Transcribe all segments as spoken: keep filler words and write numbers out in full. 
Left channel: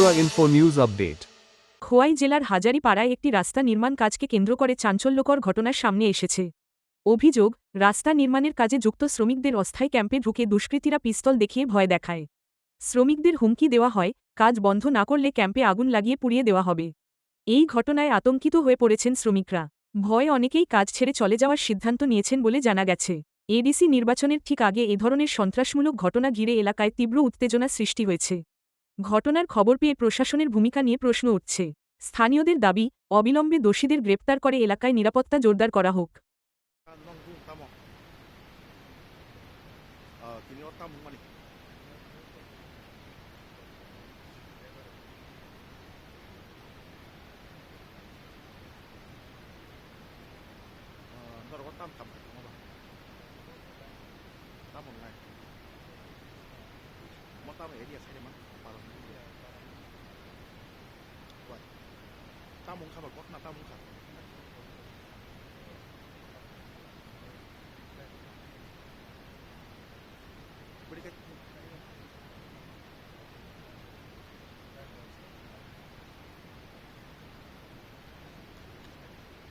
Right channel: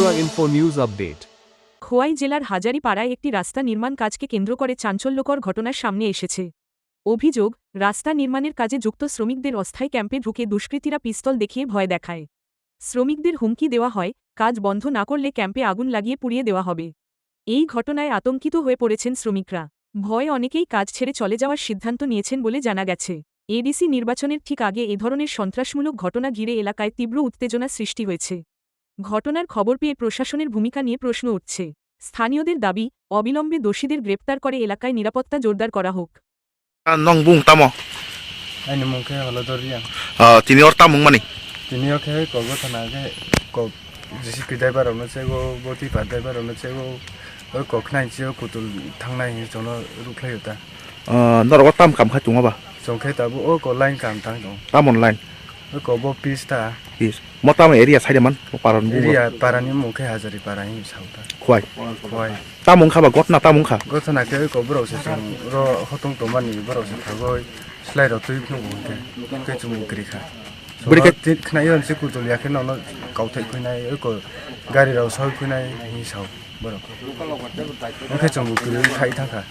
Tripura Info News Update. Khowai জেলার হাজারিপাড়ায় একটি রাস্তা নির্মাণ কাজকে কেন্দ্র করে চাঞ্চল্যকর ঘটনার সামনে এসেছে। অভিযোগ, রাস্তা নির্মাণের কাজে যুক্ত শ্রমিকদের অস্থায়ী ক্যাম্পে ঢুকে দুষ্কৃতীরা পিস্তল দেখিয়ে ভয় দেখায়। শ্রমিকদের হুমকি দেওয়া হয়, কাজ বন্ধ না করলে ক্যাম্পে আগুন লাগিয়ে পুড়িয়ে দেওয়া হবে। এই ঘটনায় আতঙ্কিত হয়ে পড়েছেন শ্রমিকরা। ভয়ে অনেকেই কাজ ছেড়ে চলে যাওয়ার সিদ্ধান্ত নিয়েছেন বলে জানা গেছে। এডিসি নির্বাচনের ঠিক আগে এ ধরনের সন্ত্রাসমূলক ঘটনা ঘিরে এলাকায় তীব্র উত্তেজনা সৃষ্টি হয়েছে। ঘটনার খবর পেয়ে প্রশাসনের ভূমিকা নিয়ে প্রশ্ন উঠছে। স্থানীয়দের দাবি, অবিলম্বে দোষীদের গ্রেপ্তার করে এলাকায় নিরাপত্তা জোরদার করা হোক। Nong bung tamo. Anh mong cái là tôi riêng. Ờ, thì nó tamo mani. Thì nếu cái có cái thằng nào cái có chỉ cái đại bảo nó sẽ có bộ thị bản đại bảo nó sẽ có ở có cái này chưa của tụi thằng này cho nó rút lấy được ta. Ờ, nó có tam cảm khai chúng ba. Trong cái ta bộ có line cảm thằng đó. Tam online. Ở có bộ pista. Yes. Mo tam area sai man. Paran bu. Area paran ni mong cái hazari paran ni sao ta. Khoai. Khoai. Tam mong kha ba got na tam mong kha. Có thằng nào cái có bro sẽ trong ro họ tung tụi mình bro sẽ thằng rồi slide đầu tư nó cũng cái cái chúng mình kiri khá. Bởi cái cái này là sẽ cụ tụi liệt cái nó nó cầu thị cái này ở có gari đầu sau cái này như sao bro. Nó cái chúng mình kiri khai thằng cả.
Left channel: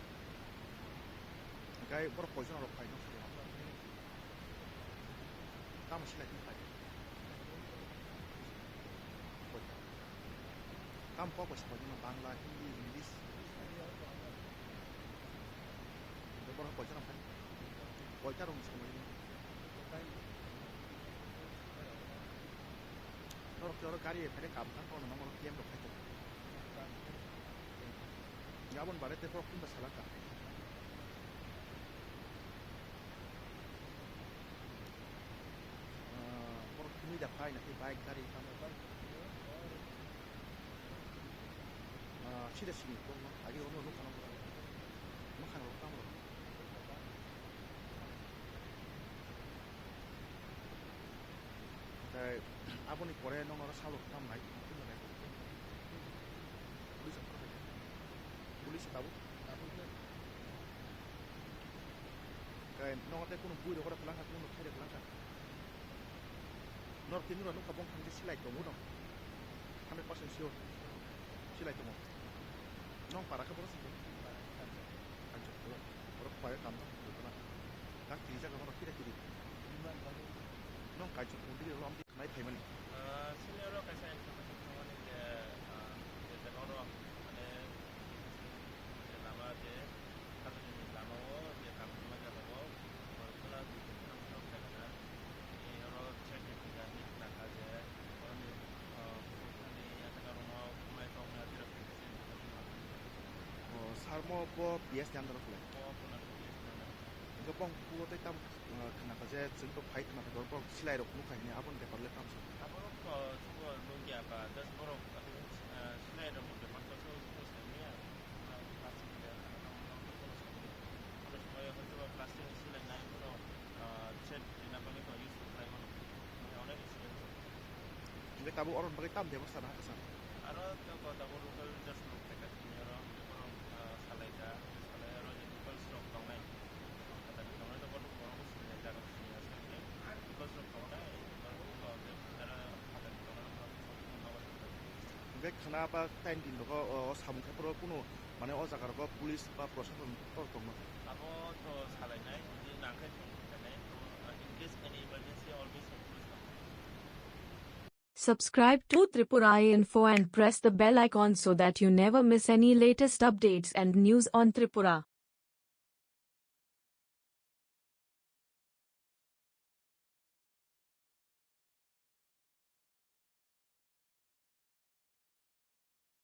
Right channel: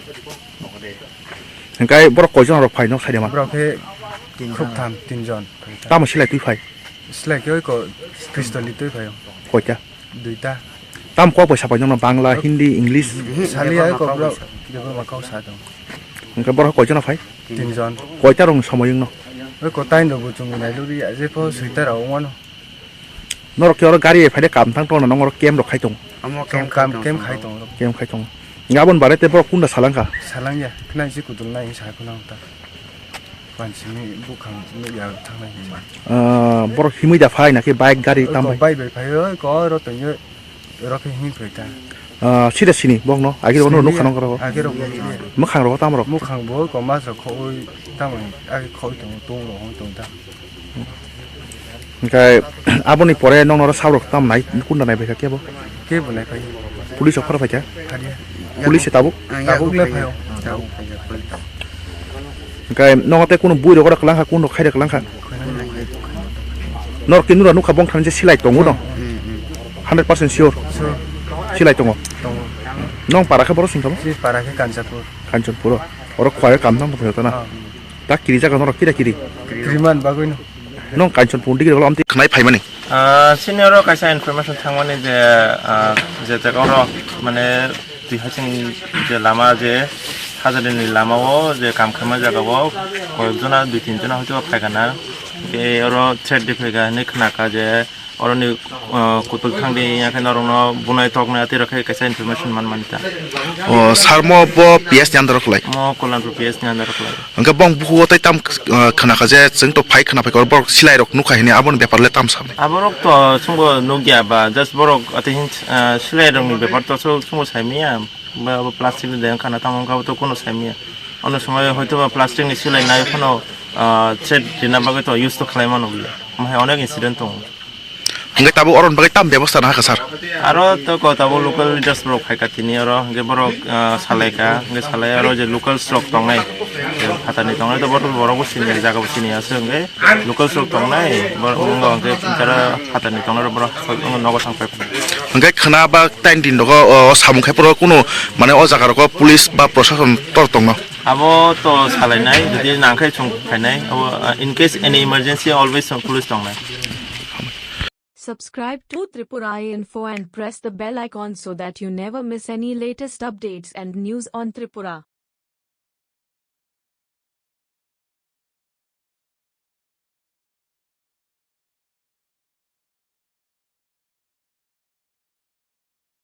Cái bro coi cho nó phải nó sai man. Bro cái khúc tham tin giòn. Tam mà lại tuy phải. Slide cái có pistol tuy phải không? Coi cha. Đuổi ta. Tam có phải sao phải nó Bangla, Hindi, English. Sali ấy có bro. Cái mà câu sao đâu. Cái bro coi cho nó phải. Tin giòn. Coi cha rong sao mà nó. Ở có tay đâu chúng mình này lúc đi dễ có suy tay đầu ngon. Nó kêu nó gari phải để cảm thắng to là nó kem được khai tung. Kem kem kem khai tung. Kem khai tung. Ngã bên bà đấy tên bro cũng là salang cả. Salang ya. Cái này chỉ của tụi này sai của nó ta. Quan chỉ mình bốc hàng mình giờ thằng này. Ờ, bro himi đã phải là cái bike gari tam phải. Bike phải ơi có rồi tự nhiên rồi cái hình phải ta. Ờ, xí đất xí nè, bong nó, ai cái đó nó nút khăn nó có. Ai cái đó mất hàng rồi tam rồi. Mất hàng bố có má rồi khôi tam rồi ai khôi tụng tung rồi không tụng ta. Cái abon này pore nong nó sao rồi tam này cũng là này phải cái bố. Cái bộ này phải. Police phải phải chứ. Phải đi. Police tabu. Tabu lên phải không? Tabu. Cái nong cái cũng bui được cái lăng ha cũng được khai được lăng ha. Nó cái nó nó không bong thằng chỉ silai tung nó. hundred percent sure. Silai tung. Nong para cái bro sinh không? Si para cái Kanchanpur. Kanchanpur. Ở khoai cảm thăng phải ta na. Ta kiri jaga nó kira kiri. Kiriman bagus no. Nong Kanchanpur đi cái làm tí khai phải mà nè. Ah, senior kaisa information thangmani je je jaga mane tui hasing je lama je hajarini lamao je kam khama jagao koyjona dui tin jona hoyto phaigana ke oro threat difaiga ne khnaka je oroni kutul thangde yakai norongno bunai tokna ati rakhe kaisa information man manita Ờ, sarmo bo P S ni andar khlai. mo kolanpur P S ni andar khlai Angka bong buhu tai tam khana khaje jeng to phai khana phai kor bor silai rok nukhai ni abon bepar le tam samne. aborok to sungo nogya ba just borok atihin silai rong ni bepar to sungo saimia ba plastic ni den khana tamong ka to kono saimia ono সময় হয়তো বা plastic ni silai nai kono thread dina bagai to use to khlaima no bia mai onek incident to Angka tabu oron bagai tam ব্যবস্থা না kasar. aro to ko tabo local leaders borok khaika tini aro ge borok salaika ge salai aro je local stock tongnai je hatani tongnai to borok borok sini jaga sini ase ge local stock tongnai borok ge jara hatani tongnai borok nogo sangpai Angka khana ba tain din dogo samung khai pro kuno mane o jaga rok police ba proshashan tor tongno. abo to salai nai jodi nangkhai chung khainai abo in case any emergency always police tongnai. Subscribe to Tripura Info and press the bell icon so that you never miss any latest updates and news on Tripura.